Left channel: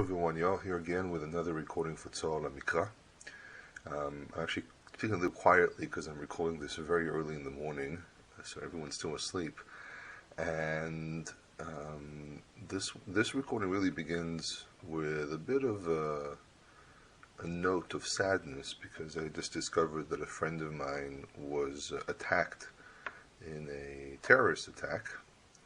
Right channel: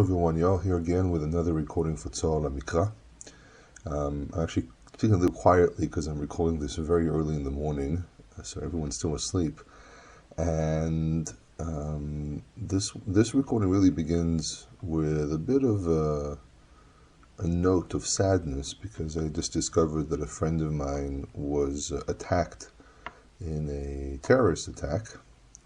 Everyone, y'all here again with another recording for Tzol Mikra. I'm actually speaking a little quietly because I'm recording this very early in the morning, so everyone's still asleep. And this recording really begins with a bit of a note of sadness because I just discovered that a friend of mine was attacked in a terrorist attack.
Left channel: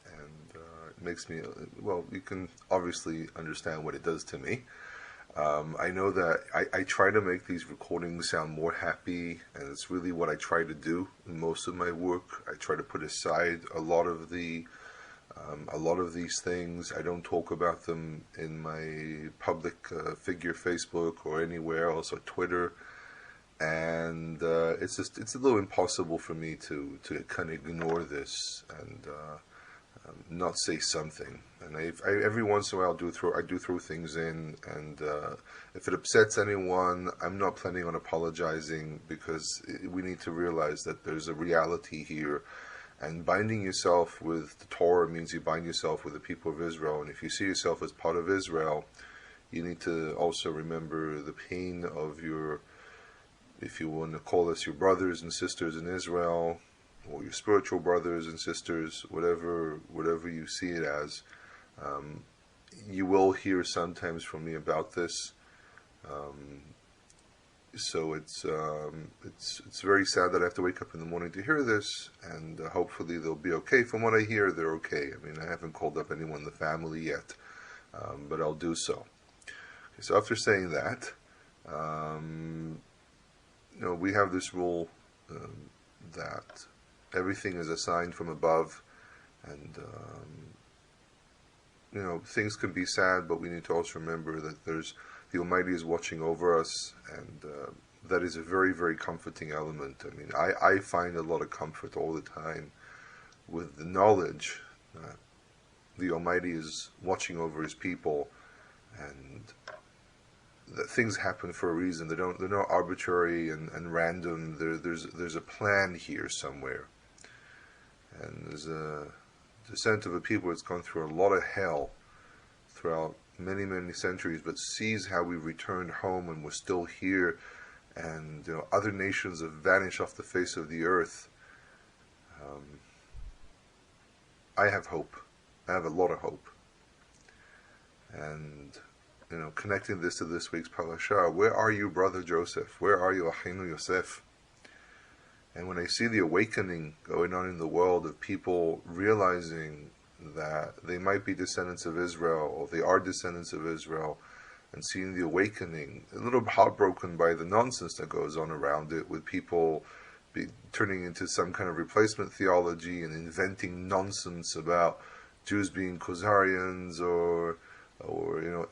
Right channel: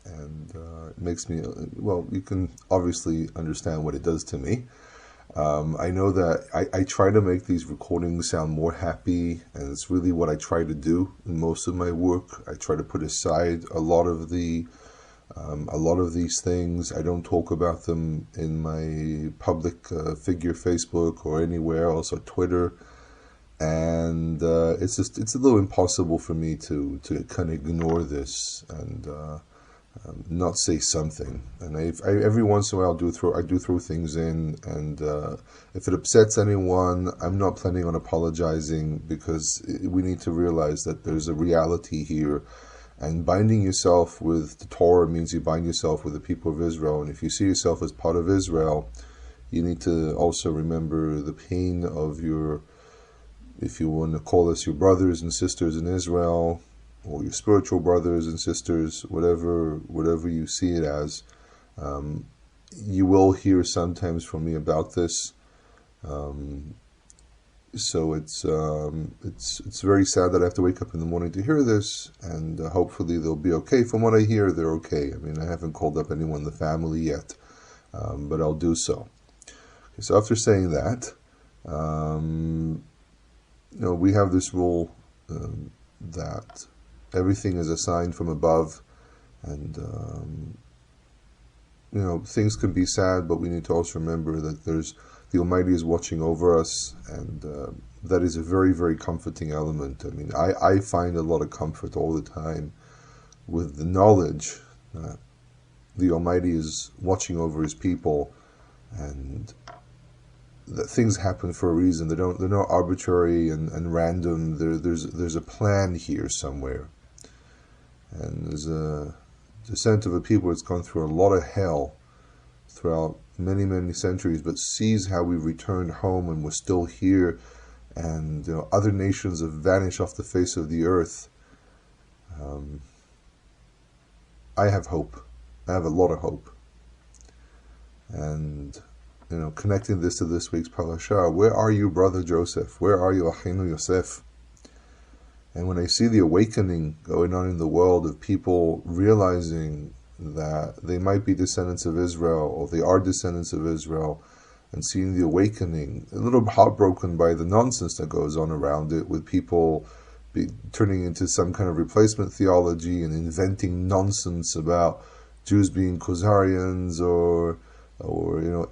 And it makes me, well, you can obviously understand what it does to me. I know that I try to make these recordings sound more happy, and it's really what I try to do in most of my work. I try to put aside a lot of these things. I don't talk about them in my public figure Facebook or anywhere else or Twitter. And it's a little impossible for me to kind of ignore this and not say something. And every once in a while I do throw things in, and if it upsets anyone, I'm not planning on apologizing, because we need to realize that there's a reality here, and binding yourself with the Torah means you bind yourself with the people of Israel. And if you see yourself as part of Israel, you need to also remember the pain of your, if you want to call us your brothers and sisters in Israel, or your spiritual brothers and sisters, whatever you see it as. You will hear sometimes from me about this. So it's very sad that I have to wake up in the morning to hear this, and hopefully they'll be okay. From what I hear, they're okay. I mean, I haven't called up anyone in the family yet, but I'll do so. Okay, so after saying that, we have this rule that everything is assigned from above, and things can be sad, but we need to also remember that the Almighty is watching over us, and that is a very, very comforting element. I mean, I find a lot of comfort all the time with the knowledge that the Almighty is watching over His people, and that things happen for a reason. They're not arbitrary and random. There's a plan here somewhere. And there's a descent of a people that's gone through a lot of hell throughout many, many centuries, but sees how we've returned home and we're still here, and other nations have vanished off the face of the earth. I have hope. I have a lot of hope. And connecting this to this week's parasha, where are you, brother Joseph? Where are you, Achinu Yosef? And when I see the awakening going on in the world of people realizing that they might be descendants of Israel, or they are descendants of Israel, and seeing the awakening, a little heartbroken by the nonsense that goes on around it, with people turning into some kind of replacement theology and inventing nonsense about Jews being Khazarians or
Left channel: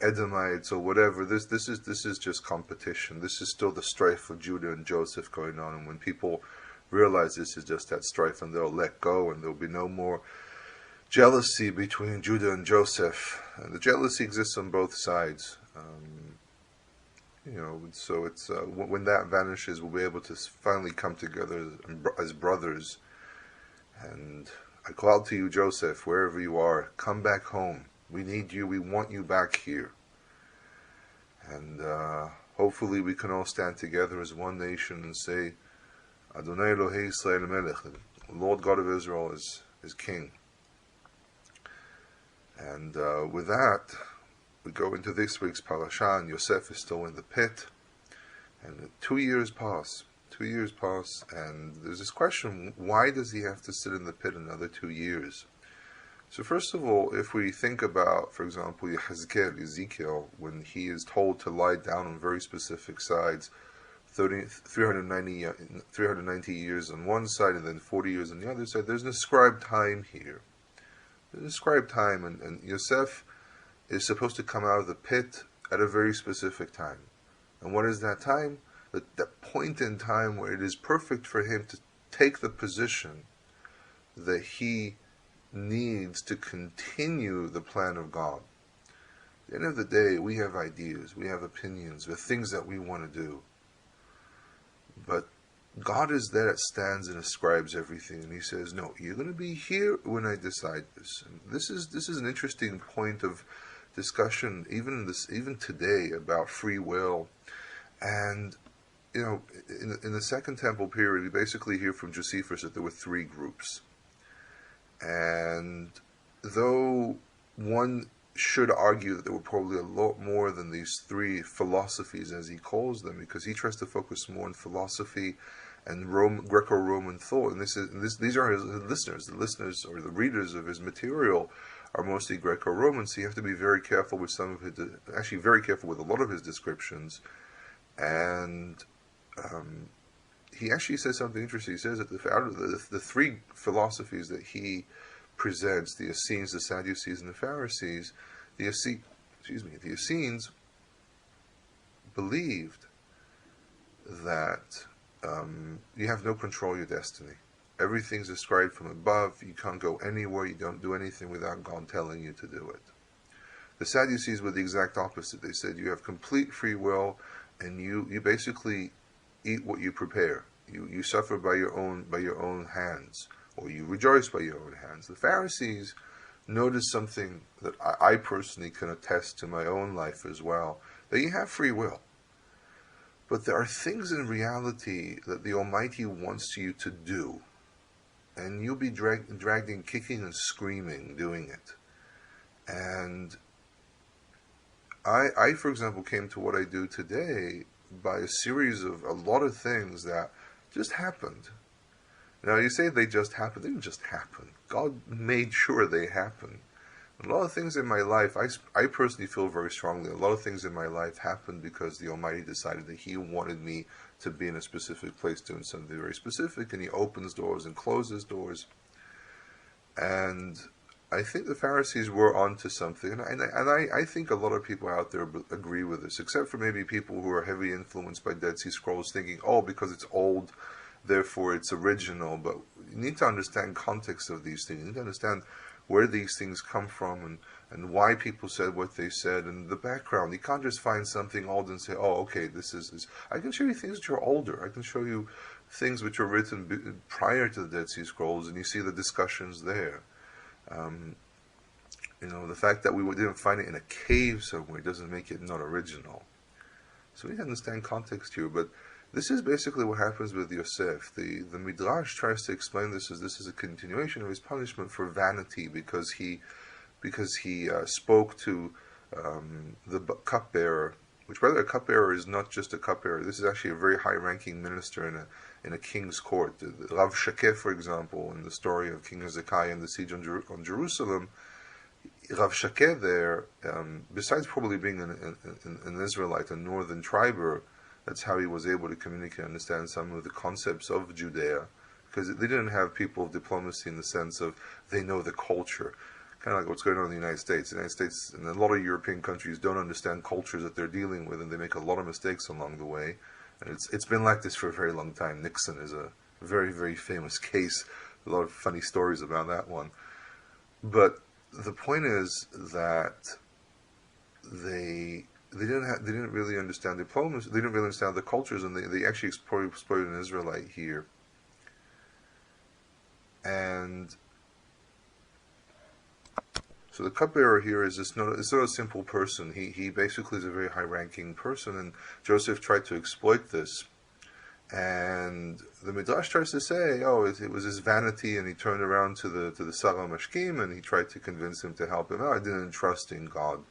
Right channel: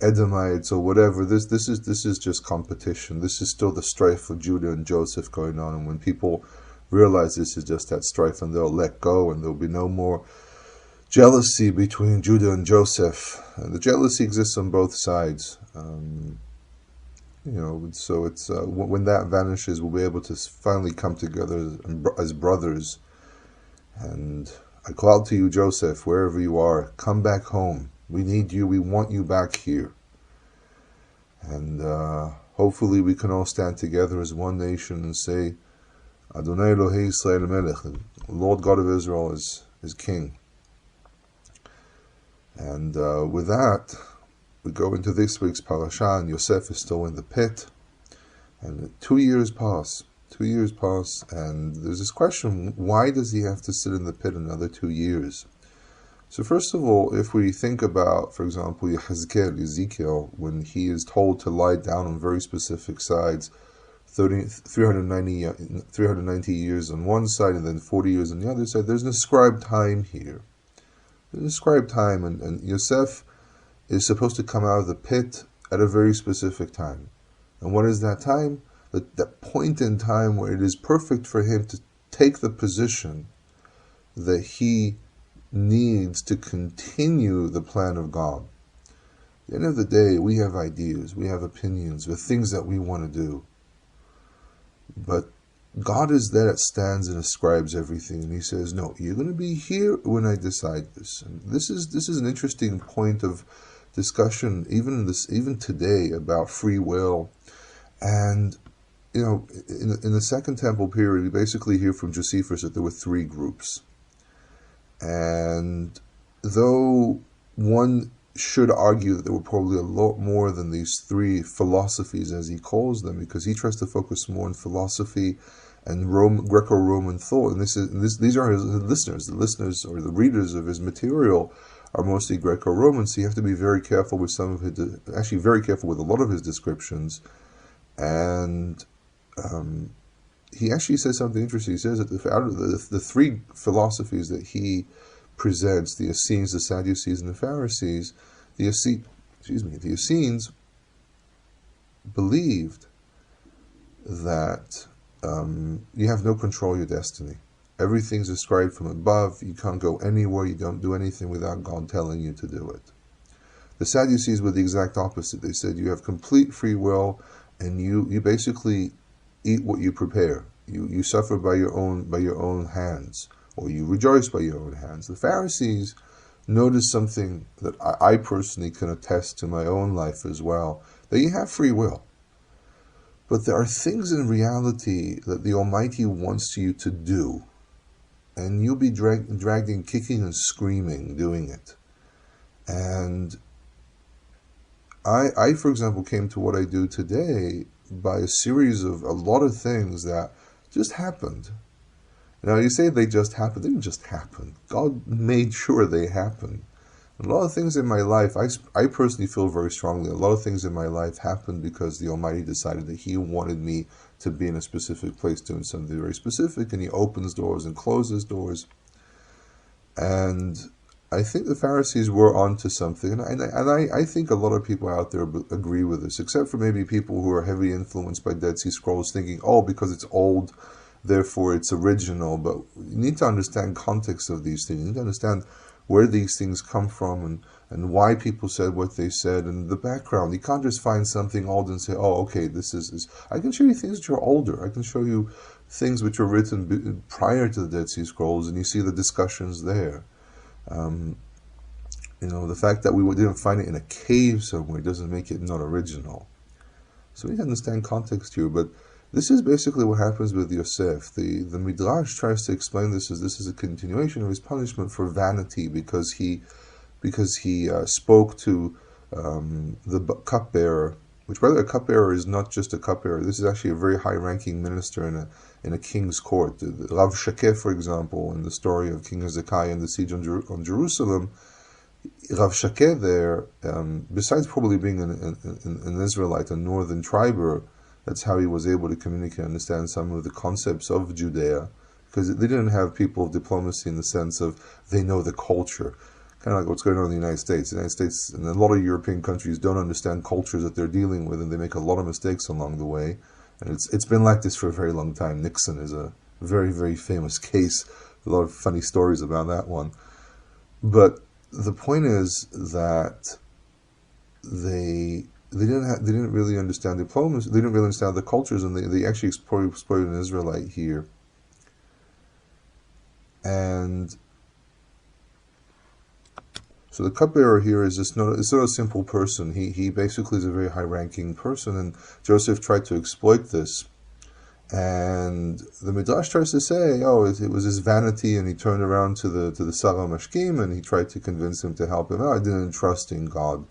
Edomites or whatever. This is just competition. This is still the strife of Judah and Joseph going on, and when people realize this is just that strife, and they'll let go, and there'll be no more jealousy between Judah and Joseph. And the jealousy exists on both sides. So it's when that vanishes, we'll be able to finally come together as brothers. And I call out to you, Joseph, wherever you are, come back home. We need you. We want you back here. And hopefully we can all stand together as one nation and say, Adonai Elohei Yisrael Melech, the Lord God of Israel is King. And with that, we go into this week's parasha, and Yosef is still in the pit. And 2 years pass. 2 years pass, and there's this question, why does he have to sit in the pit another 2 years? So first of all, if we think about, for example, Ezekiel, when he is told to lie down on very specific sides, 390 years on one side and then 40 years on the other side, there's an ascribed time here. There's an ascribed time, and Yosef is supposed to come out of the pit at a very specific time. And what is that time? That point in time where it is perfect for him to take the position that he needs to continue the plan of God. At the end of the day, we have ideas, we have opinions, we have things that we want to do. But God is there that stands and ascribes everything, and He says, no, you're going to be here when I decide this. And this is an interesting point of discussion, even today, about free will. And in the Second Temple period, we basically hear from Josephus that there were three groups. And though one should argue that there were probably a lot more than these three philosophies, as he calls them, because he tries to focus more on philosophy and Greco-Roman thought. And these are his listeners. The listeners or the readers of his material are mostly Greco-Roman, so you have to be very careful with some of his, actually very careful with a lot of his descriptions. And he actually says something interesting. He says that out of the three philosophies that he presents, the Essenes, the Sadducees, and the Pharisees, the Essenes believed that you have no control of your destiny. Everything's ascribed from above. You can't go anywhere. You don't do anything without God telling you to do it. The Sadducees were the exact opposite. They said you have complete free will, and you basically eat what you prepare. You suffer by your own hands, or you rejoice by your own hands. The Pharisees noticed something that I personally can attest to my own life as well, that you have free will. But there are things in reality that the Almighty wants you to do, and you'll be dragged in kicking and screaming doing it. And I, for example, came to what I do today by a series of a lot of things that just happened. Now, you say they just happened. They didn't just happen. God made sure they happened. A lot of things in my life, I personally feel very strongly, a lot of things in my life happened because the Almighty decided that He wanted me to be in a specific place doing something very specific, and He opens doors and closes doors. And I think the Pharisees were onto something, and I think a lot of people out there agree with this, except for maybe people who are heavily influenced by Dead Sea Scrolls, thinking, oh, because it's old, therefore it's original. But you need to understand context of these things. You need to understand where these things come from and why people said what they said and the background. You can't just find something old and say, oh, okay, this is... I can show you things which are older. I can show you things which were written prior to the Dead Sea Scrolls, and you see the discussions there. The fact that we didn't find it in a cave somewhere doesn't make it not original. So we need to understand context here, but this is basically what happens with Yosef. The Midrash tries to explain this as a continuation of his punishment for vanity, because he spoke to the cupbearer, which, by the way, a cupbearer is not just a cupbearer. This is actually a very high-ranking minister in a king's court. Rav Shakeh, for example, in the story of King Hezekiah and the siege on Jerusalem, Rav Shakeh there, besides probably being an Israelite, a northern triber, that's how he was able to communicate and understand some of the concepts of Judea, because they didn't have people of diplomacy in the sense of they know the culture. Kind of like what's going on in the United States. The United States and a lot of European countries don't understand cultures that they're dealing with, and they make a lot of mistakes along the way. And it's been like this for a very long time. Nixon is a very, very famous case. A lot of funny stories about that one. But the point is that they didn't really understand diplomacy. They didn't really understand the cultures, and they actually exploited an Israelite here. And so the cupbearer here is it's not a simple person. He basically is a very high-ranking person, and Joseph tried to exploit this. And the Midrash tries to say, oh, it was his vanity, and he turned around to the Sarah Mashkim, and he tried to convince him to help him out. I didn't trust in God.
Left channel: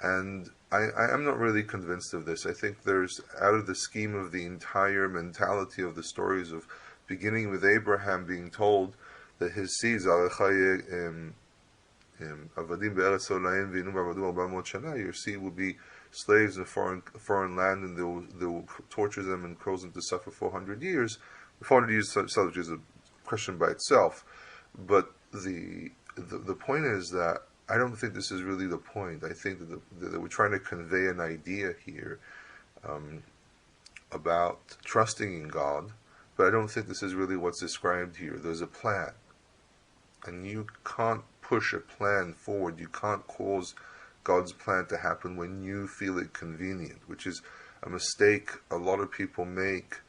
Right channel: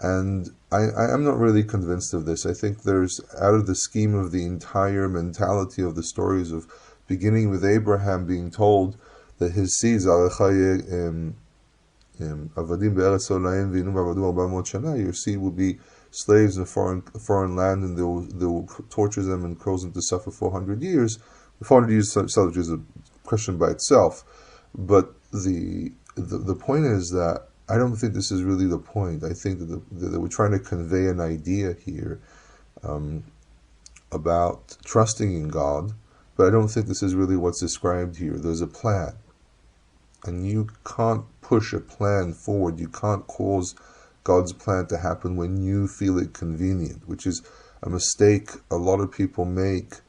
And I'm not really convinced of this. I think there's, out of the scheme of the entire mentality of the stories of beginning with Abraham being told that his seeds, your seed will be slaves in a foreign land, and they will torture them and cause them to suffer 400 years. 400 years subject is a question by itself, but the point is that I don't think this is really the point. I think that we're trying to convey an idea here about trusting in God, but I don't think this is really what's described here. There's a plan, and you can't push a plan forward. You can't cause God's plan to happen when you feel it convenient, which is a mistake a lot of people make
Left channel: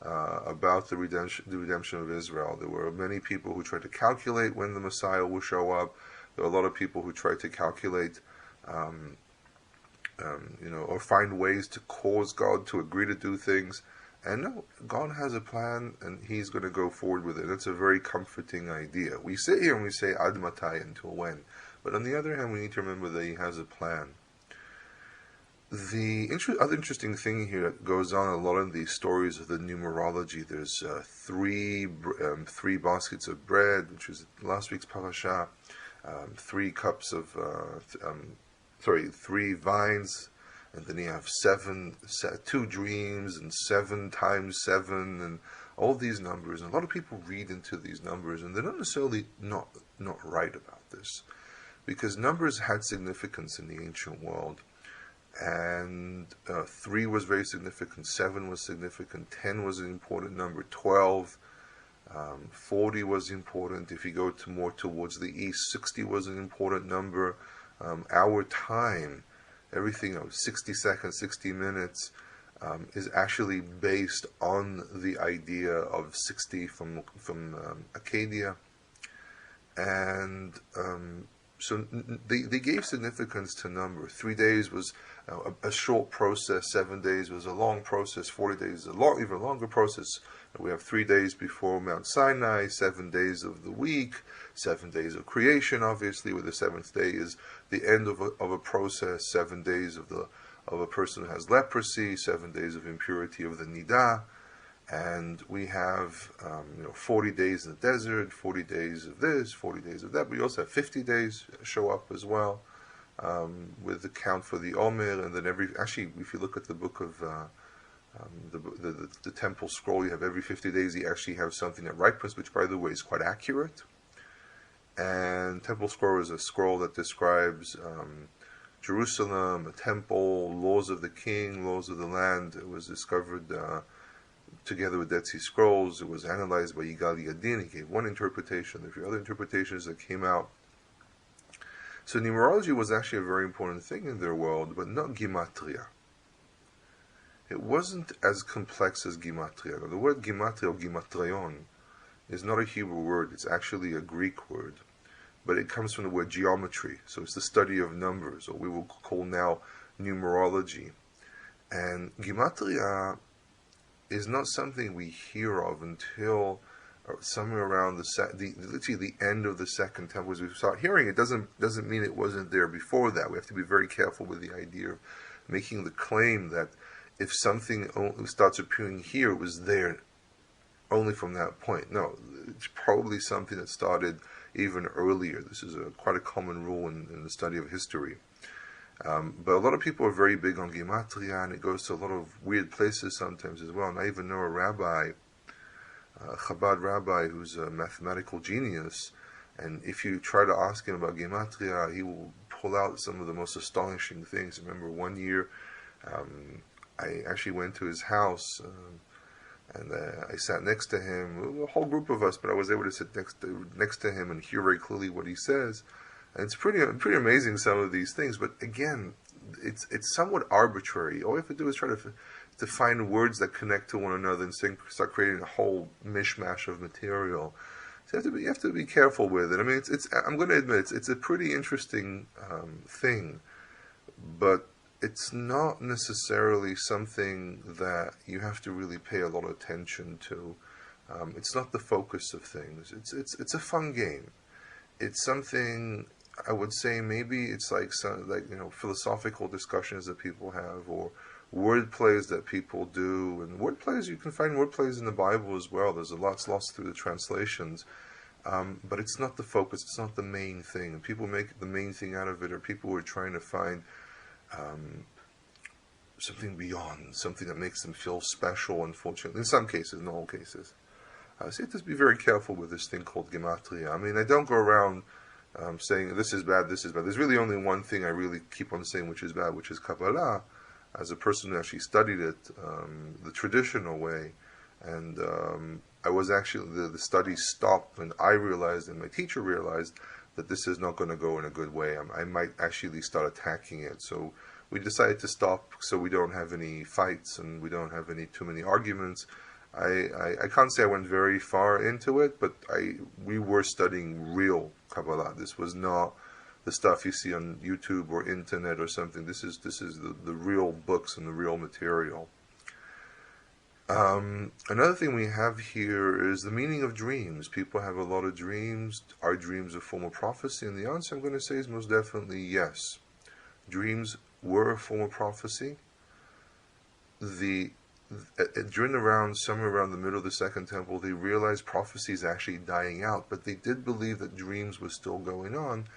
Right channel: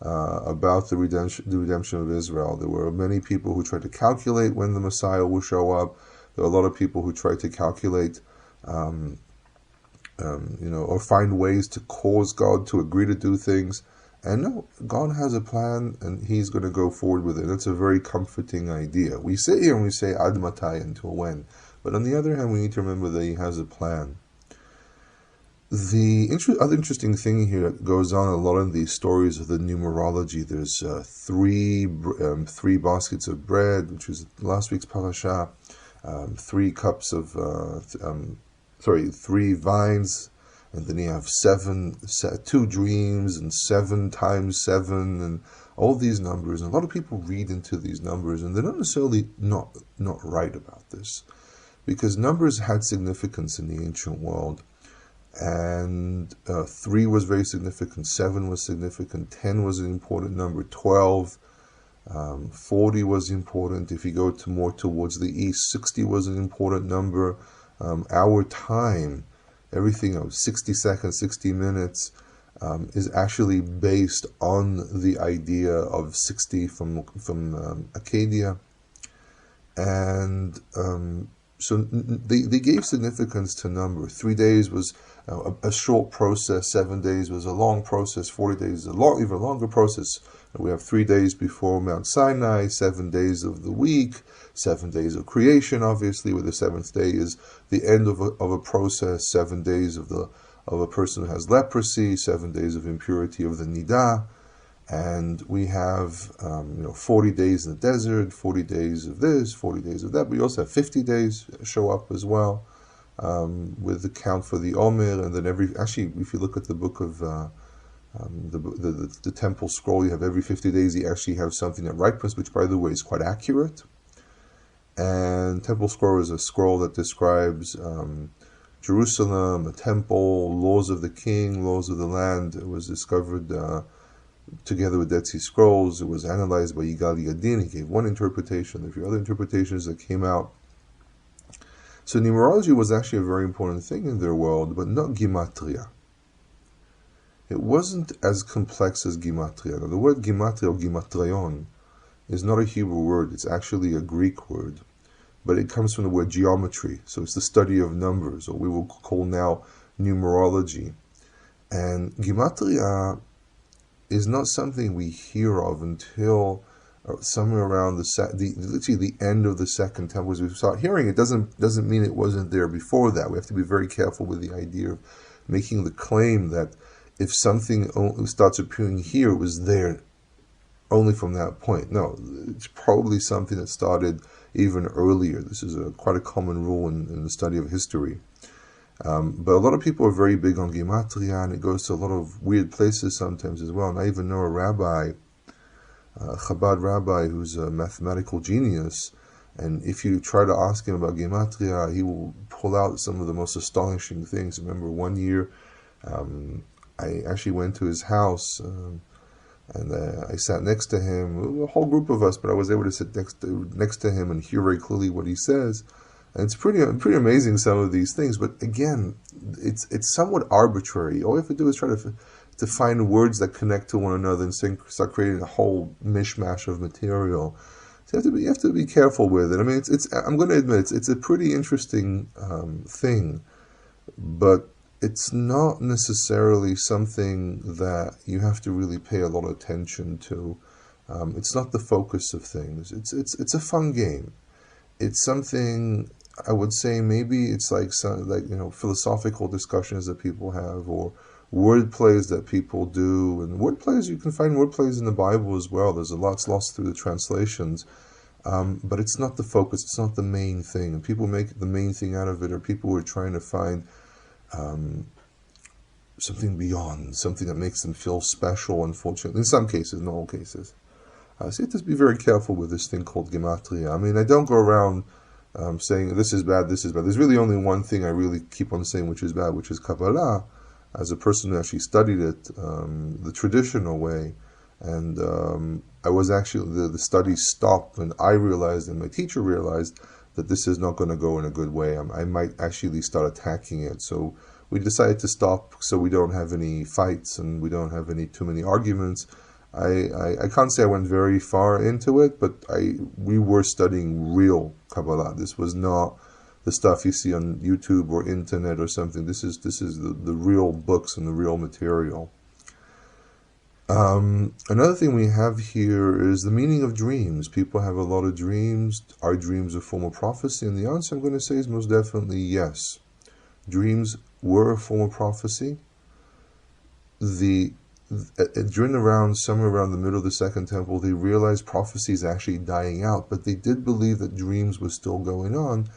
about the redemption of Israel. There were many people who tried to calculate when the Messiah will show up. There are a lot of people who try to calculate um, or find ways to cause God to agree to do things. And no, God has a plan, and He's going to go forward with it. That's a very comforting idea. We sit here and we say ad matai, until when, but on the other hand, we need to remember that He has a plan. The other interesting thing here that goes on a lot in these stories of the numerology. There's three baskets of bread, which is last week's parasha. Three cups of three vines, and then you have two dreams, and 7 times 7, and all these numbers. And a lot of people read into these numbers, and they're not necessarily not right about this, because numbers had significance in the ancient world. And 3 was very significant, 7 was significant, 10 was an important number, 12, 40 was important. If you go more towards the east, 60 was an important number. Our time, everything, 60 seconds, 60 minutes, is actually based on the idea of 60 from Acadia. And so they gave significance to number. 3 days was a short process, 7 days was a long process, 40 days is even longer process. We have 3 days before Mount Sinai, 7 days of the week, 7 days of creation, obviously, where the 7th day is the end of a process, 7 days of a person who has leprosy, 7 days of impurity of the nidah. And we have 40 days in the desert, 40 days of this, 40 days of that. We also have 50 days show up as well, with the count for the Omer. And then actually, if you look at the book of the temple scroll, you have every 50 days you actually have something that ripens, which, by the way, is quite accurate. And temple scroll is a scroll that describes Jerusalem, a temple, laws of the king, laws of the land. It was discovered together with Dead Sea Scrolls. It was analyzed by Yigal Yadin. He gave one interpretation. There were other interpretations that came out. So numerology was actually a very important thing in their world, but not Gematria. It wasn't as complex as Gematria. Now, the word Gematria, or Gematrion, is not a Hebrew word. It's actually a Greek word, but it comes from the word geometry. So it's the study of numbers, or we will call now numerology. And Gematria is not something we hear of until somewhere around literally the end of the Second Temple. As we start hearing it, doesn't mean it wasn't there before that. We have to be very careful with the idea of making the claim that if something starts appearing here, it was there only from that point. No, it's probably something that started even earlier. This is quite a common rule in the study of history. But a lot of people are very big on Gematria, and it goes to a lot of weird places sometimes as well. And I even know a rabbi, a Chabad rabbi, who's a mathematical genius, and if you try to ask him about Gematria, he will pull out some of the most astonishing things. I remember one year, I actually went to his house, and I sat next to him, a whole group of us, but I was able to sit next to him and hear very clearly what he says. And it's pretty amazing, some of these things. But again, it's somewhat arbitrary. All you have to do is try to find words that connect to one another and start creating a whole mishmash of material. So you have to be careful with it. I mean, I'm going to admit it's a pretty interesting thing, but it's not necessarily something that you have to really pay a lot of attention to. It's not the focus of things. It's a fun game. It's something, I would say, maybe it's like philosophical discussions that people have, or word plays that people do. And word plays, you can find word plays in the Bible as well. There's a lot's lost through the translations. But it's not the focus. It's not the main thing. And people make the main thing out of it, or people who are trying to find something beyond, something that makes them feel special, unfortunately. In some cases, in all cases. So you have to be very careful with this thing called Gematria. I mean, I don't go around saying this is bad, this is bad. There's really only one thing I really keep on saying which is bad, which is Kabbalah. As a person who actually studied it the traditional way, and I was actually, the study stopped when I realized, and my teacher realized, that this is not going to go in a good way. I might actually start attacking it. So we decided to stop so we don't have any fights and we don't have too many arguments. I can't say I went very far into it, but we were studying real Kabbalah. This was not the stuff you see on YouTube or internet or something. This is the real books and the real material. Another thing we have here is the meaning of dreams. People have a lot of dreams. Are dreams a form of prophecy? And the answer I'm going to say is most definitely yes. Dreams were a form of prophecy. Somewhere around the middle of the Second Temple, they realized prophecy is actually dying out, but they did believe that dreams were still going on.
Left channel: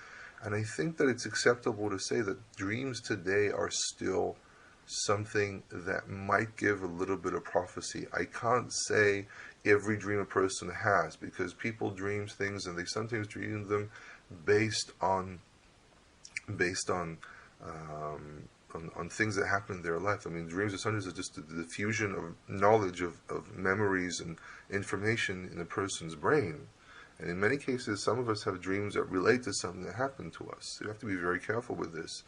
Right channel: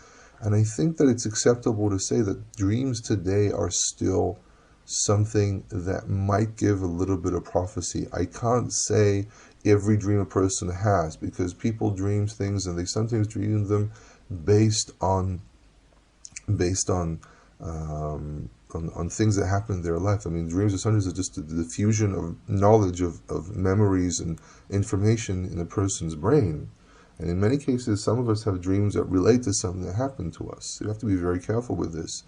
And I think that it's acceptable to say that dreams today are still something that might give a little bit of prophecy. I can't say every dream a person has, because people dream things and they sometimes dream them based on things that happen in their life. I mean, dreams are sometimes just the diffusion of knowledge, of memories and information in a person's brain. And in many cases, some of us have dreams that relate to something that happened to us. So you have to be very careful with this.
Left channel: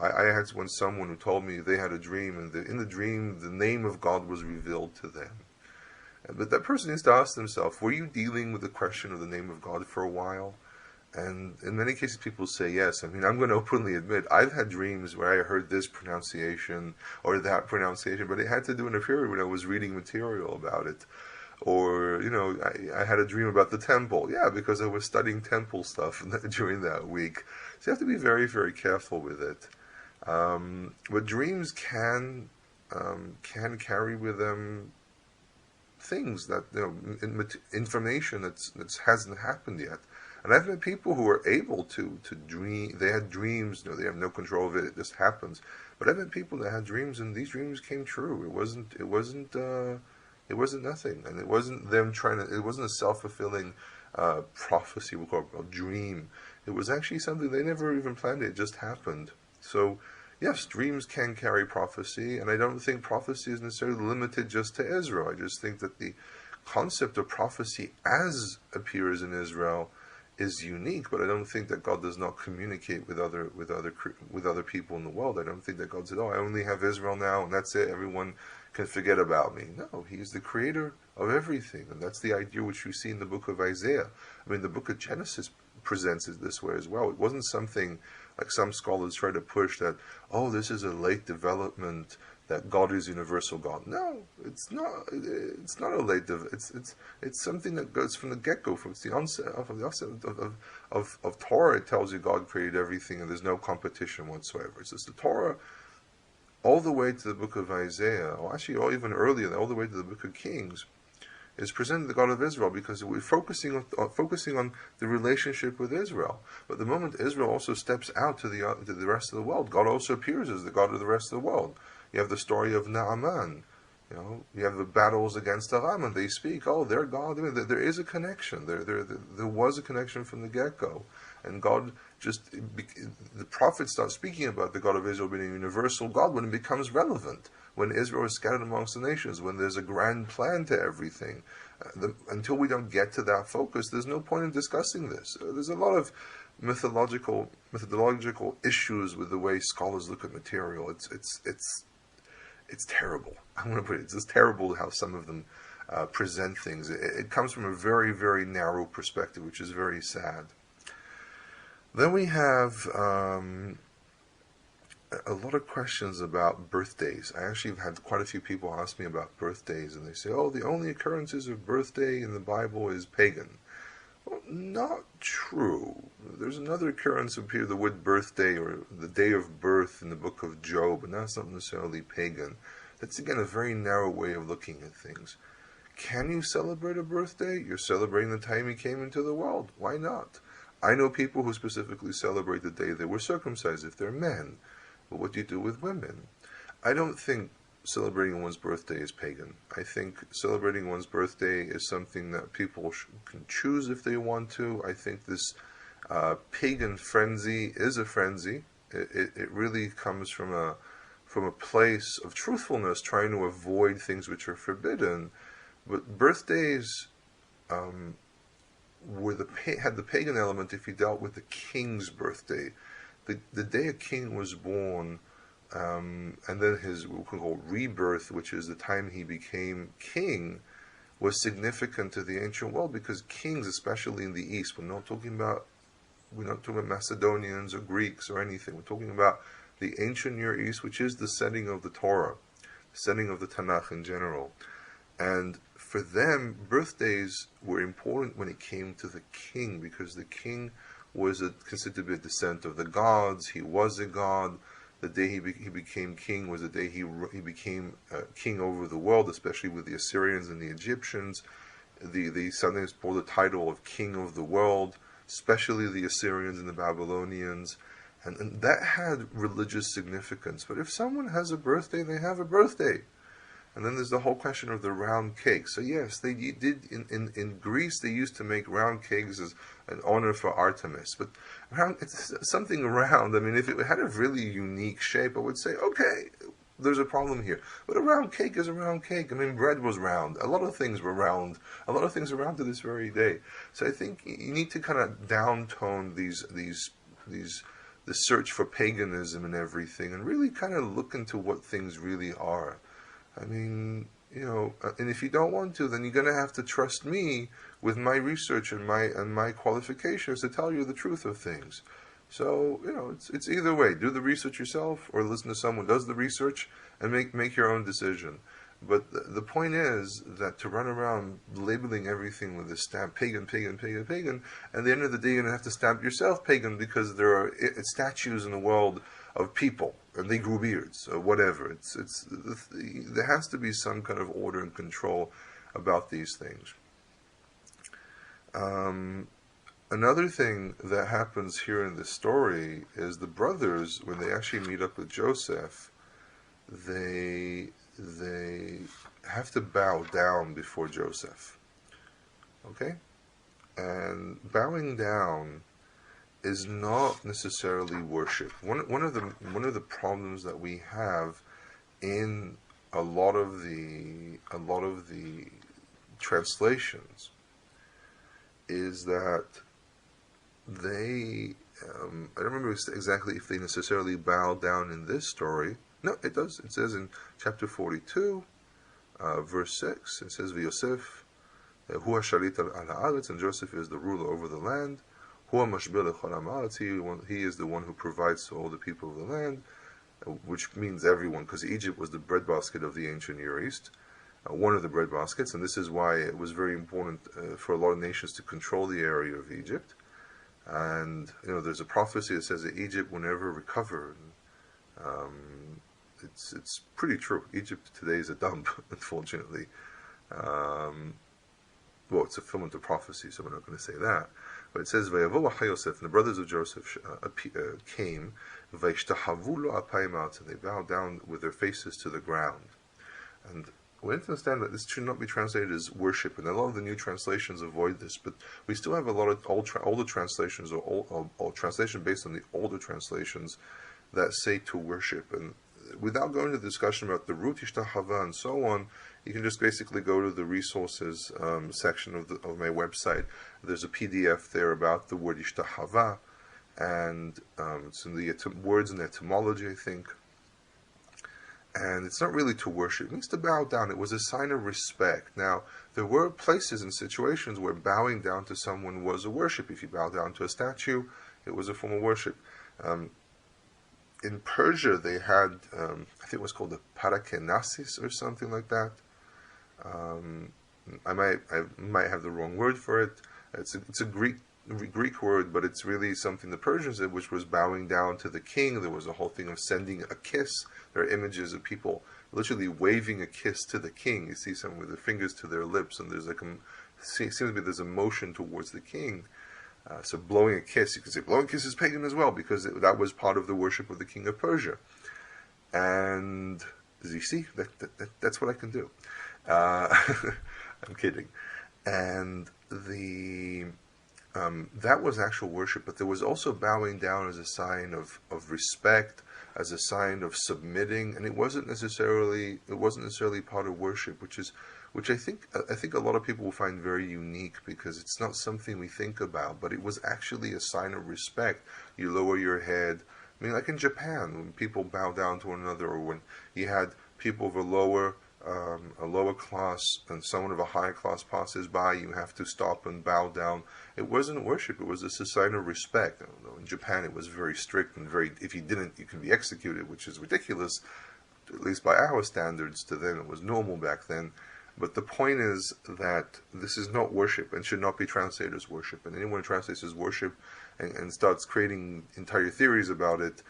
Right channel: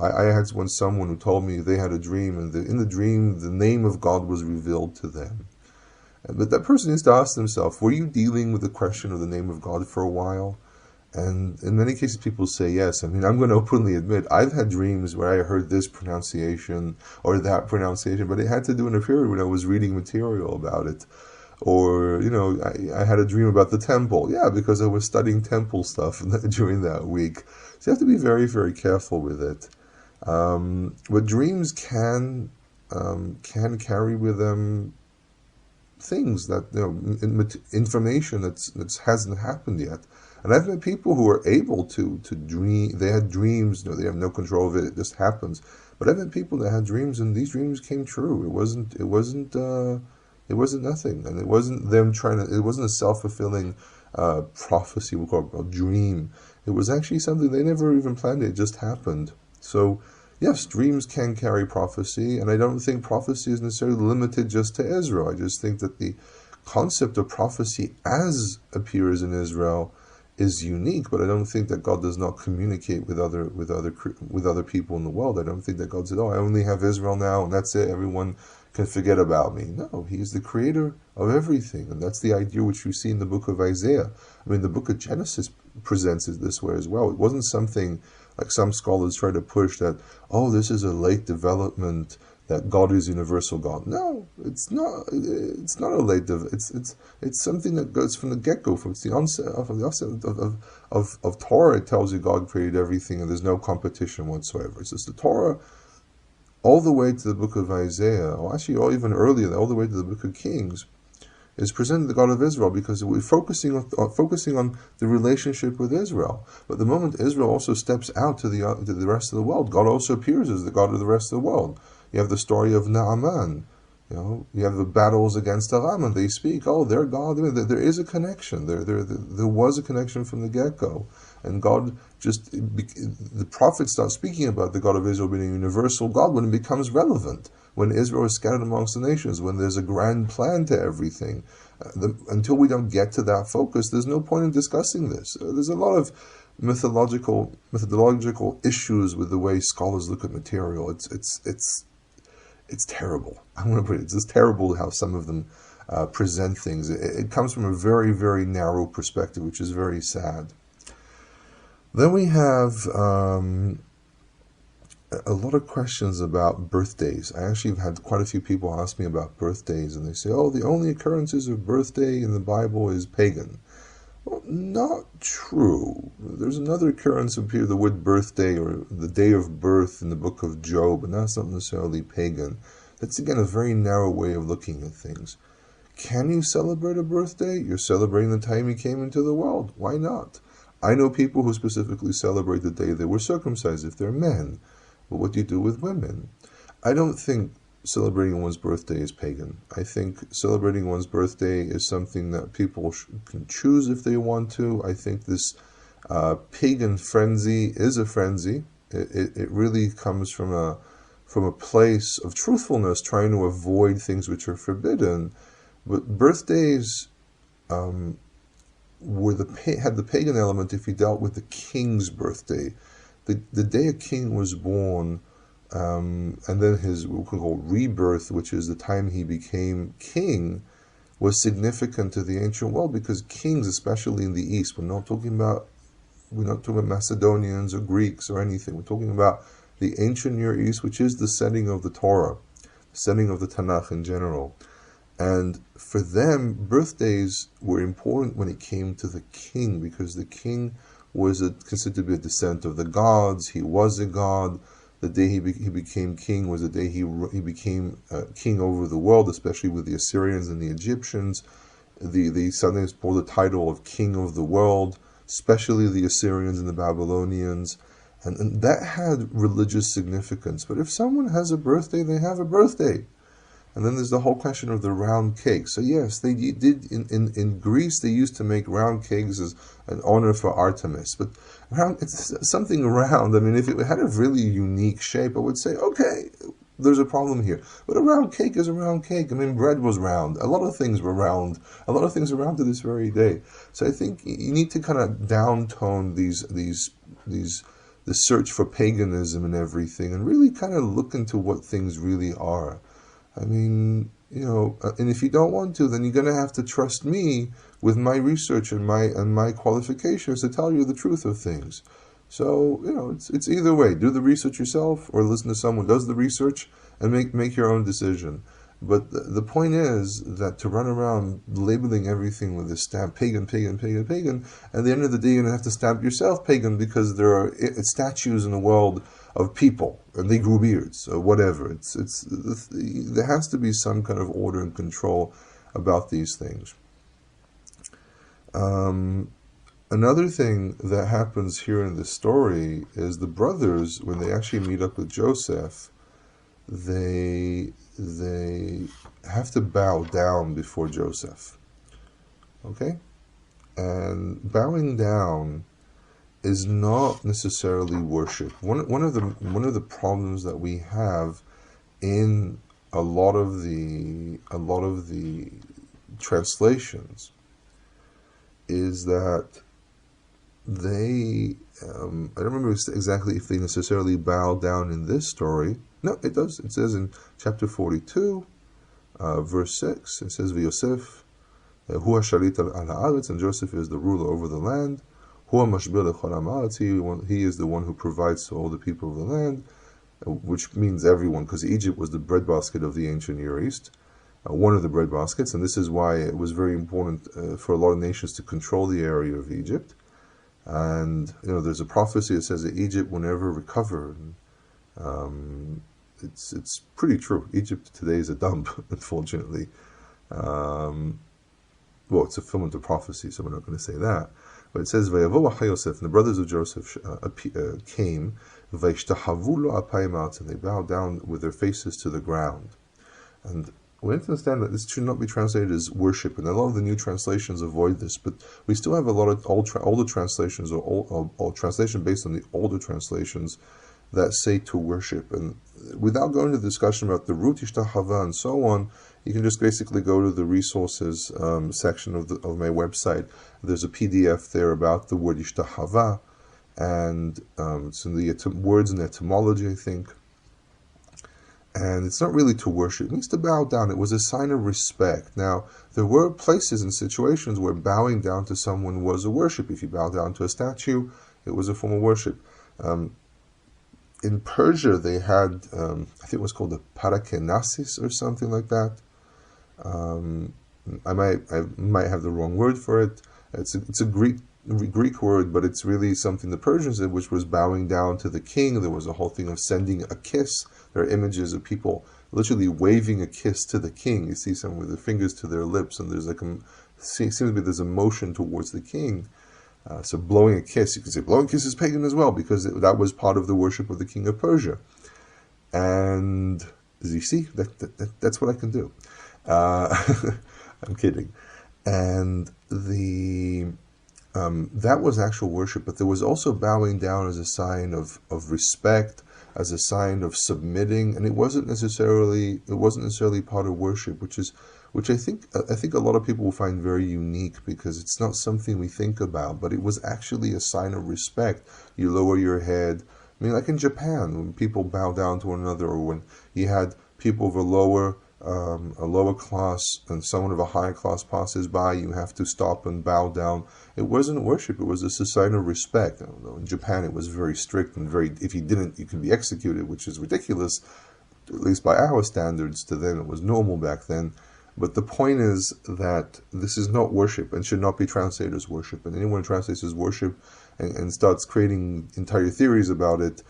I had someone who told me they had a dream, and in the dream, the name of God was revealed to them. But that person needs to ask themselves, were you dealing with the question of the name of God for a while? And in many cases, people say yes. I mean, I'm going to openly admit, I've had dreams where I heard this pronunciation or that pronunciation, but it had to do in a period when I was reading material about it. Or, I had a dream about the temple. Yeah, because I was studying temple stuff during that week. So you have to be very, very careful with it. But dreams can carry with them things that, information that hasn't happened yet. And I've met people who are able to dream. They had dreams. They have no control of it. It just happens. But I've met people that had dreams, and these dreams came true. It wasn't nothing, and it wasn't them trying to. It wasn't a self-fulfilling prophecy, we call it a dream. It was actually something they never even planned. It just happened. So, yes, dreams can carry prophecy, and I don't think prophecy is necessarily limited just to Israel. I just think that the concept of prophecy as appears in Israel is unique, but I don't think that God does not communicate with other people in the world. I don't think that God said, "Oh, I only have Israel now, and that's it. Everyone can forget about me." No, He's the creator of everything, and that's the idea which we see in the book of Isaiah. I mean, the book of Genesis presents it this way as well. It wasn't something like some scholars try to push that, oh, this is a late development, that God is universal God. No, it's not. It's not a late development. It's something that goes from the get-go, from the onset of Torah. It tells you God created everything, and there's no competition whatsoever. It's just the Torah all the way to the book of Isaiah, or actually even earlier, all the way to the book of Kings, is presenting the God of Israel, because we're focusing on the relationship with Israel. But the moment Israel also steps out to the rest of the world, God also appears as the God of the rest of the world. You have the story of Naaman. You have the battles against Aram, and they speak, oh, they're God. I mean, there is a connection. There was a connection from the get-go. And God the prophets start speaking about the God of Israel being a universal God when it becomes relevant, when Israel is scattered amongst the nations, when there's a grand plan to everything. Until we don't get to that focus, there's no point in discussing this. There's a lot of methodological issues with the way scholars look at material. It's terrible. I'm going to put it. It's just terrible how some of them present things. It comes from a very, very narrow perspective, which is very sad. Then we have a lot of questions about birthdays. I actually have had quite a few people ask me about birthdays, and they say, oh, the only occurrences of birthday in the Bible is pagan. Well, not true. There's another occurrence of the word birthday or the day of birth in the book of Job, and that's not necessarily pagan. That's, again, a very narrow way of looking at things. Can you celebrate a birthday? You're celebrating the time you came into the world. Why not? I know people who specifically celebrate the day they were circumcised if they're men. But what do you do with women? I don't think celebrating one's birthday is pagan. I think celebrating one's birthday is something that people can choose if they want to. I think this pagan frenzy is a frenzy. It really comes from a place of truthfulness, trying to avoid things which are forbidden. But birthdays had the pagan element if you dealt with the king's birthday. The day a king was born, and then his what we call rebirth, which is the time he became king, was significant to the ancient world, because kings, especially in the East, we're not talking about we're not talking about Macedonians or Greeks or anything. We're talking about the ancient Near East, which is the setting of the Torah, setting of the Tanakh in general. And for them, birthdays were important when it came to the king, because the king was considered to be a descendant of the gods. He was a god. The day he became king was the day he became king over the world, especially with the Assyrians and the Egyptians. They sometimes bore the title of king of the world, especially the Assyrians and the Babylonians. And that had religious significance. But if someone has a birthday, they have a birthday. And then there's the whole question of the round cake. So yes, they did in Greece, they used to make round cakes as an honor for Artemis. But it's something round. I mean, if it had a really unique shape, I would say, okay, there's a problem here. But a round cake is a round cake. I mean, bread was round. A lot of things were round. A lot of things are round to this very day. So I think you need to kind of downtone the search for paganism and everything, and really kind of look into what things really are. I mean, and if you don't want to, then you're going to have to trust me with my research and my qualifications to tell you the truth of things. So, it's either way. Do the research yourself, or listen to someone who does the research and make your own decision. But the point is that to run around labeling everything with this stamp, pagan, pagan, pagan, pagan, at the end of the day you're going to have to stamp yourself pagan, because there are statues in the world of people, and they grew beards, or whatever. There has to be some kind of order and control about these things. Another thing that happens here in this story is the brothers, when they actually meet up with Joseph, they have to bow down before Joseph. Okay? And bowing down is not necessarily worship. One of the problems that we have in a lot of the translations is that they I don't remember exactly if they necessarily bow down in this story. No, it does. It says in chapter 42, verse 6, it says, V'Yosef, hu ha'shalit al ha'aretz, and Joseph is the ruler over the land. Hu ha'mashbir lechol ha'aretz, he is the one who provides to all the people of the land, which means everyone, because Egypt was the breadbasket of the ancient Near East, one of the breadbaskets, and this is why it was very important for a lot of nations to control the area of Egypt. And there's a prophecy that says that Egypt will never recover. It's pretty true. Egypt today is a dump, unfortunately. Well, it's a fulfillment of prophecy, so we're not going to say that. But it says, "Vayavo achai Yosef," and the brothers of Joseph came, "Vayishtahavu lo apayim," and they bowed down with their faces to the ground. And we have to understand that this should not be translated as worship, and a lot of the new translations avoid this, but we still have a lot of older translations, or translation based on the older translations, that say to worship. And without going to the discussion about the root ishtahava and so on, you can just basically go to the resources section of my website. There's a PDF there about the word ishtahava, and it's in the words and etymology, I think. And it's not really to worship. It means to bow down. It was a sign of respect. Now, there were places and situations where bowing down to someone was a worship. If you bow down to a statue, it was a form of worship. In Persia, they had, I think it was called the parakenasis or something like that. I might have the wrong word for it. It's a Greek word, but it's really something the Persians did, which was bowing down to the king. There was a whole thing of sending a kiss. There are images of people literally waving a kiss to the king. You see some with their fingers to their lips, and seems to be there's a motion towards the king. So blowing a kiss, you can say blowing a kiss is pagan as well, because that was part of the worship of the king of Persia. And you see, that's what I can do. I'm kidding. And that was actual worship, but there was also bowing down as a sign of respect, as a sign of submitting, and it wasn't necessarily part of worship, which I think a lot of people will find very unique, because it's not something we think about, but it was actually a sign of respect. You lower your head. I mean, like in Japan, when people bow down to one another, or when you had people of a lower a lower class and someone of a higher class passes by, you have to stop and bow down. It wasn't worship, it was a sign of respect. In Japan, it was very strict and very, if you didn't, you can be executed, which is ridiculous, at least by our standards. To them, it was normal back then. But the point is that this is not worship and should not be translated as worship. And anyone who translates as worship and starts creating entire theories about it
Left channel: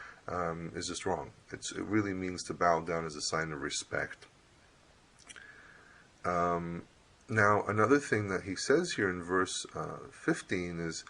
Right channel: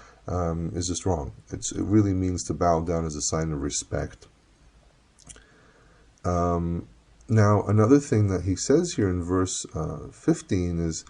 is just wrong. It really means to bow down as a sign of respect. Now, another thing that he says here in verse 15 is,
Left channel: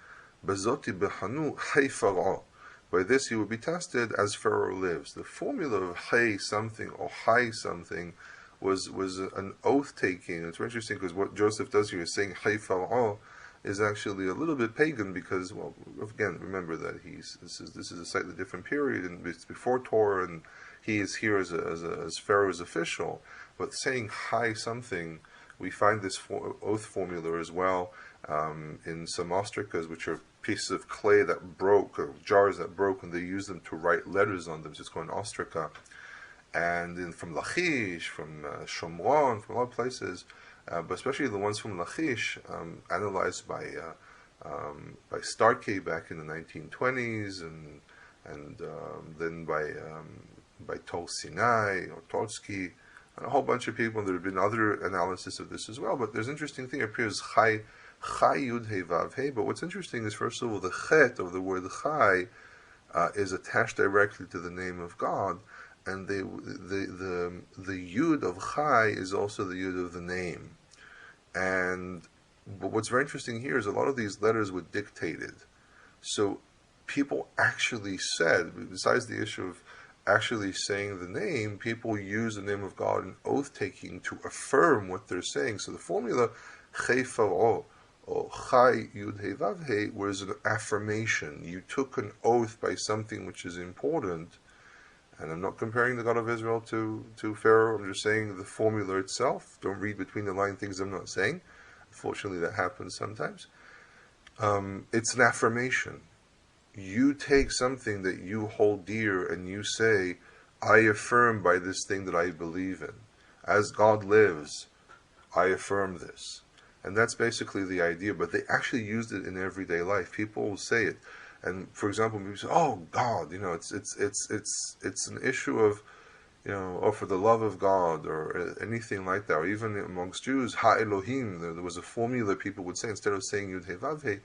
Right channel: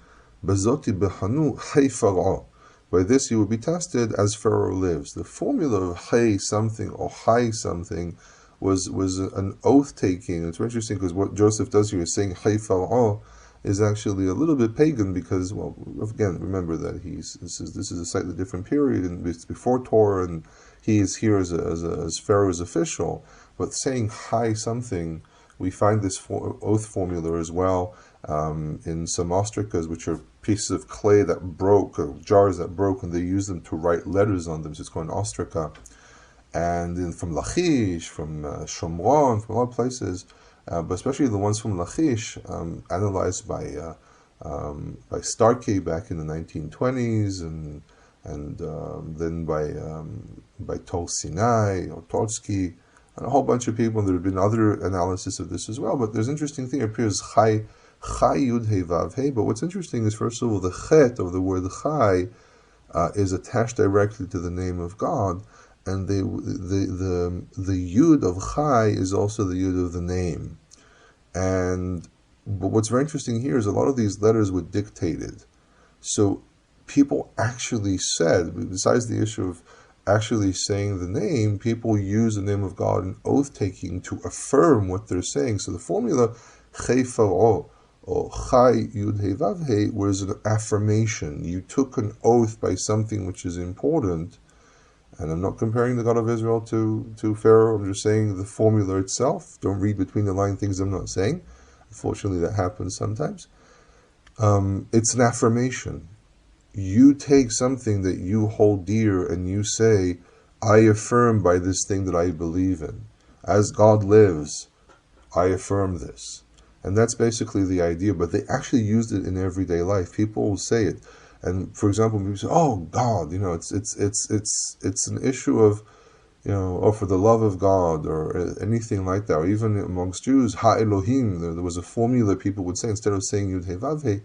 Bazoti behanu hay Pharaoh. By this you will be tested as Pharaoh lives. The formula of hay something or hay something was an oath taking. It's very interesting because what Joseph does here is saying hay Pharaoh is actually a little bit pagan because, well, again, remember that this is a slightly different period and it's before Torah, and he is here as Pharaoh's official. But saying hay something, we find this oath formula as well in some ostracas, which are pieces of clay that broke, or jars that broke, and they used them to write letters on them. So it's called an ostraca. And from Lachish, from Shomron, from a lot of places, but especially the ones from Lachish, analyzed by Starkey back in the 1920s, and then by Tol Sinai or Tolsky, and a whole bunch of people. There have been other analysis of this as well. But there's an interesting thing. It appears Chai Yud Hey Vav Hey. But what's interesting is, first of all, the Chet of the word Chai is attached directly to the name of God, and the Yud of Chai is also the Yud of the name. But what's very interesting here is a lot of these letters were dictated. So people actually said, besides the issue of actually saying the name, people use the name of God in oath-taking to affirm what they're saying. So the formula Chai Pharaoh or Chai Yud Hey Vav Hey was an affirmation. You took an oath by something which is important. And I'm not comparing the God of Israel to Pharaoh. I'm just saying the formula itself. Don't read between the line things I'm not saying. Unfortunately, that happens sometimes. It's an affirmation. You take something that you hold dear and you say, I affirm by this thing that I believe in. As God lives, I affirm this. And that's basically the idea. But they actually used it in everyday life. People will say it. And for example, people say, "Oh God," it's an issue of, or for the love of God, or anything like that. Or even amongst Jews, Ha Elohim. There was a formula people would say, instead of saying Yud Hey Vav Hey,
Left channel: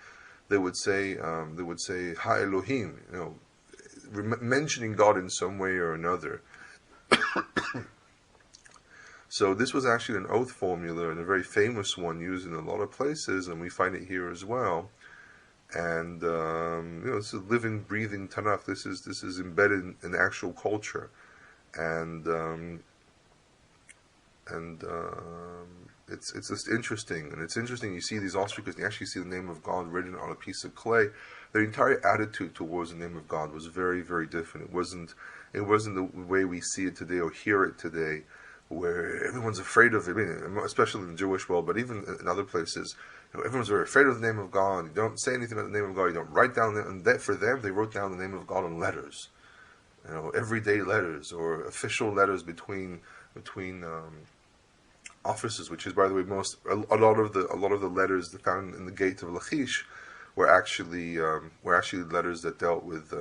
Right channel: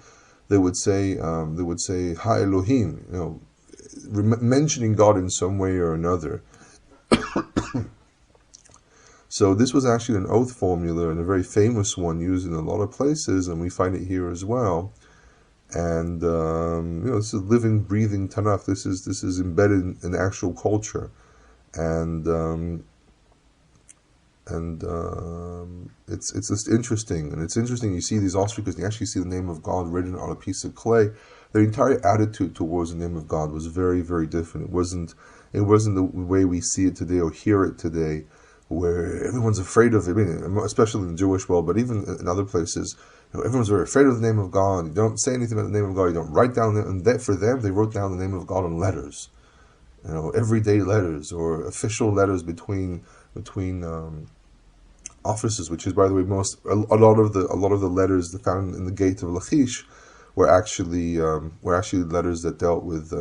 they would say Ha Elohim. Mentioning God in some way or another. So this was actually an oath formula, and a very famous one used in a lot of places, and we find it here as well. And this is living, breathing Tanakh. This is embedded in actual culture, and it's just interesting. And it's interesting. You see these ostriches, you actually see the name of God written on a piece of clay. Their entire attitude towards the name of God was very, very different. It wasn't the way we see it today or hear it today, where everyone's afraid of it. I mean, especially in the Jewish world, but even in other places, everyone's very afraid of the name of God. You don't say anything about the name of God. You don't write down it. And that, for them, they wrote down the name of God on letters, everyday letters or official letters between offices. Which is, by the way, a lot of the letters found in the gate of Lachish were actually letters that dealt with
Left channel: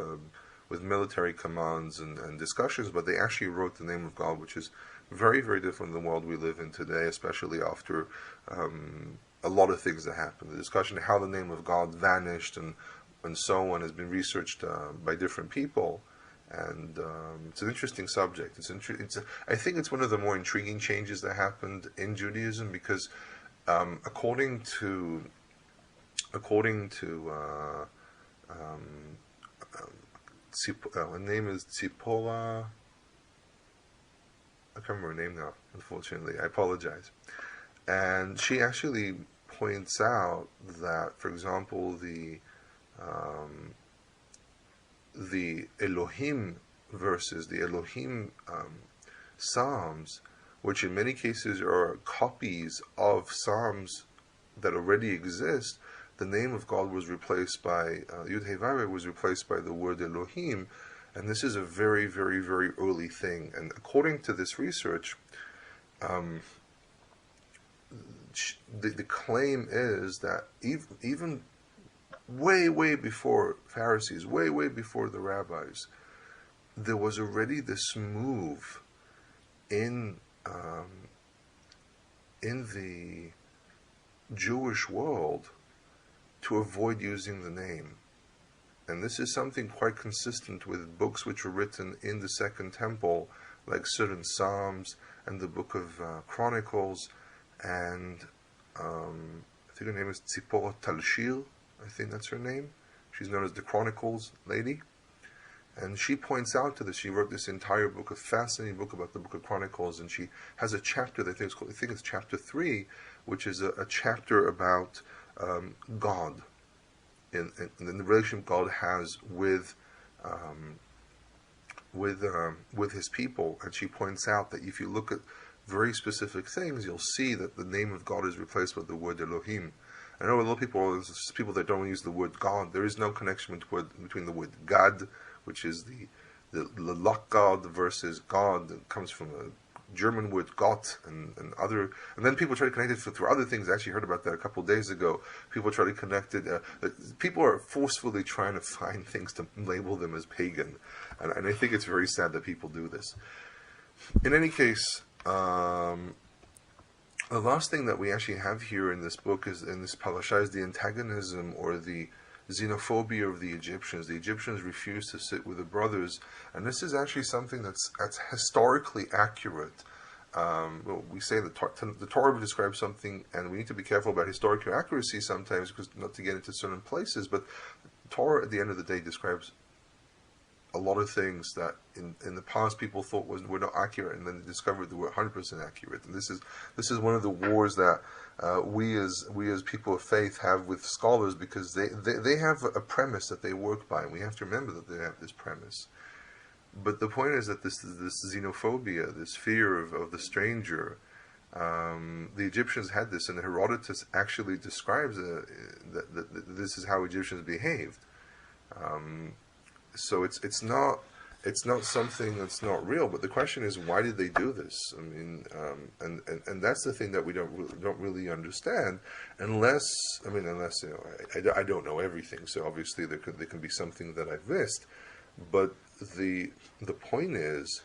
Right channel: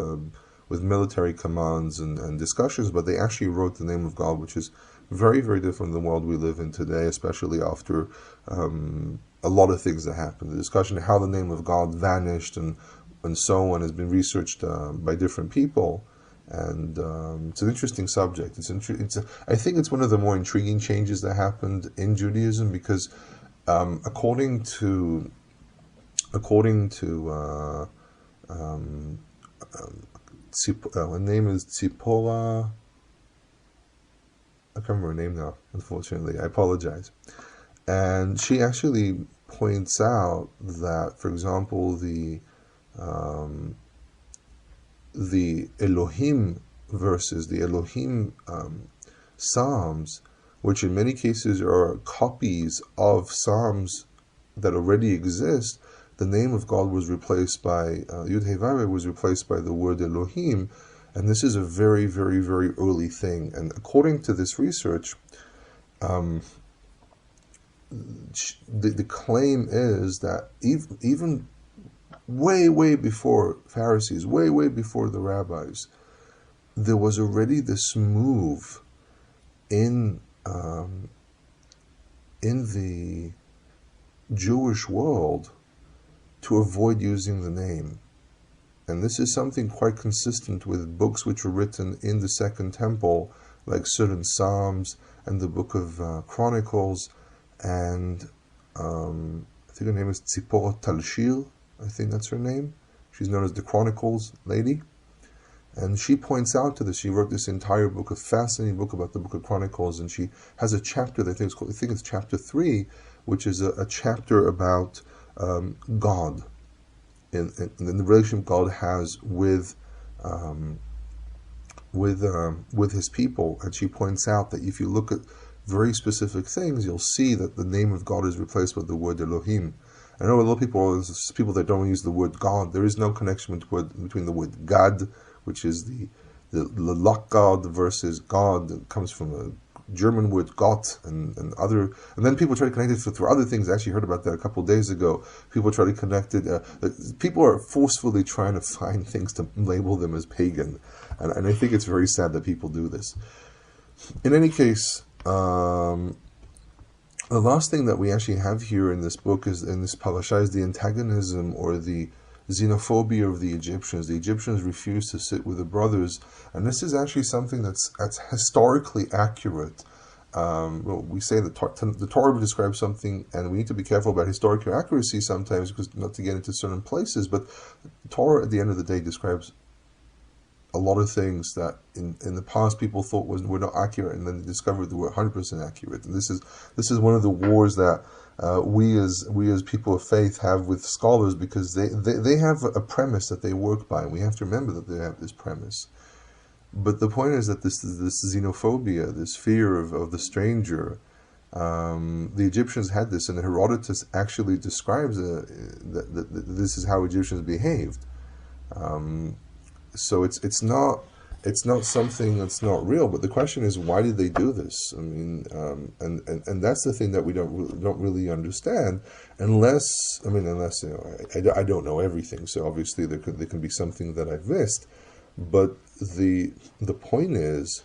military commands and discussions. But they actually wrote the name of God, which is very, very different than the world we live in today, especially after a lot of things that happened. The discussion of how the name of God vanished and so on has been researched by different people, and it's an interesting subject. I think it's one of the more intriguing changes that happened in Judaism, because according to her name is Tzipora. I can't remember her name now, unfortunately. I apologize. And she actually points out that, for example, the Elohim verses, the Elohim Psalms, which in many cases are copies of Psalms that already exist, the name of God was replaced by, Yud Hey Vav Hey was replaced by the word Elohim. And this is a very, very, very early thing. And according to this research, Um, the claim is that even way before Pharisees, way before the rabbis, there was already this move in in the Jewish world to avoid using the name. And this is something quite consistent with books which were written in the Second Temple, like certain Psalms and the Book of Chronicles, and I think her name is Tzipora Talshil, I think that's her name. She's known as the Chronicles lady. And she points out to this. She wrote this entire book, a fascinating book about the Book of Chronicles, and she has a chapter that I think it's called, I think it's chapter 3, which is a chapter about God and the relationship God has with his people. And she points out that if you look at very specific things, you'll see that the name of God is replaced with the word Elohim. I know a lot of people that don't use the word God. There is no connection between the word God, which is the luck God, versus God that comes from a German word Gott and then people try to connect it through other things. I actually heard about that a couple of days ago. People try to connect it. People are forcefully trying to find things to label them as pagan, and I think it's very sad that people do this. In any case, the last thing that we actually have here in this book is in this parasha is the antagonism or the xenophobia of the Egyptians. The Egyptians refused to sit with the brothers, and this is actually something that's historically accurate. Well, we say that the Torah describes something, and we need to be careful about historical accuracy sometimes, because not to get into certain places. But the Torah, at the end of the day, describes a lot of things that in the past people thought were not accurate, and then they discovered they were 100% accurate. And this is one of the wars that we as people of faith have with scholars, because they have a premise that they work by, and we have to remember that they have this premise. But the point is that this xenophobia, this fear of the stranger, the Egyptians had this, and Herodotus actually describes that this is how Egyptians behaved. So it's not something that's not real. But the question is, why did they do this? I mean, and that's the thing that we don't really understand, unless I don't know everything. So obviously there can be something that I've missed. But the point is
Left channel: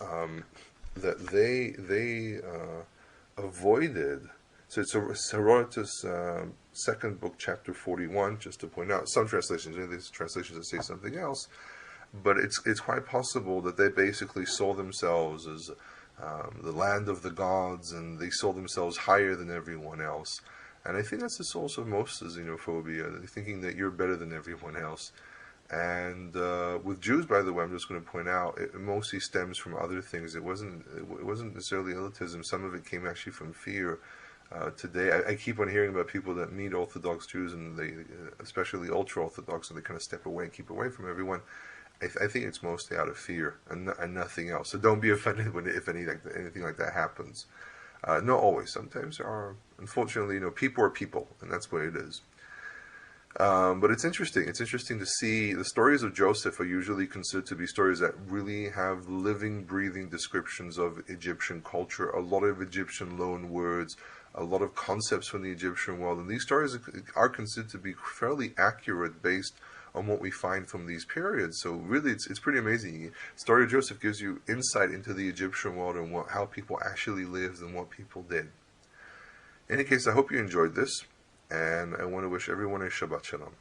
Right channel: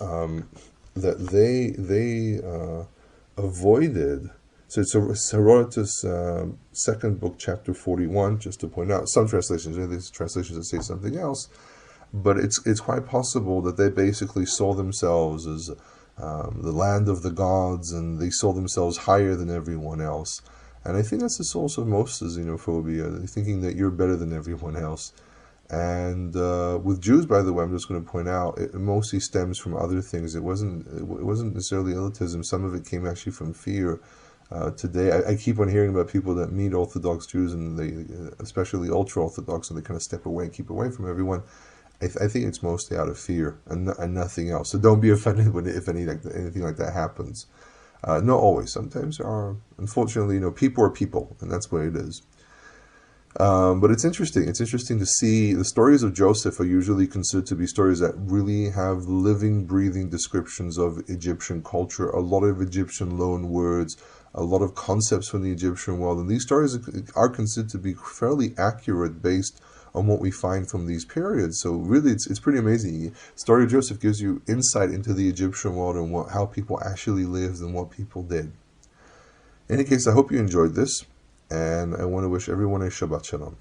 that they avoided. So it's Herodotus' second book, chapter 41, just to point out. Some translations, there's translations that say something else, but it's quite possible that they basically saw themselves as the land of the gods, and they saw themselves higher than everyone else. And I think that's the source of most of xenophobia, thinking that you're better than everyone else. And with Jews, by the way, I'm just going to point out, it mostly stems from other things. It wasn't necessarily elitism. Some of it came actually from fear. Today, I keep on hearing about people that meet Orthodox Jews, and they, especially ultra-Orthodox, and they kind of step away and keep away from everyone. I think it's mostly out of fear and nothing else. So don't be offended if anything like that happens. Not always. Sometimes there are, unfortunately, people are people, and that's what it is. But it's interesting. It's interesting to see the stories of Joseph are usually considered to be stories that really have living, breathing descriptions of Egyptian culture, a lot of Egyptian loan words, a lot of concepts from the Egyptian world. And these stories are considered to be fairly accurate based on what we find from these periods. So really, it's pretty amazing. The story of Joseph gives you insight into the Egyptian world and how people actually lived and what people did. In any case, I hope you enjoyed this, and I want to wish everyone a Shabbat Shalom.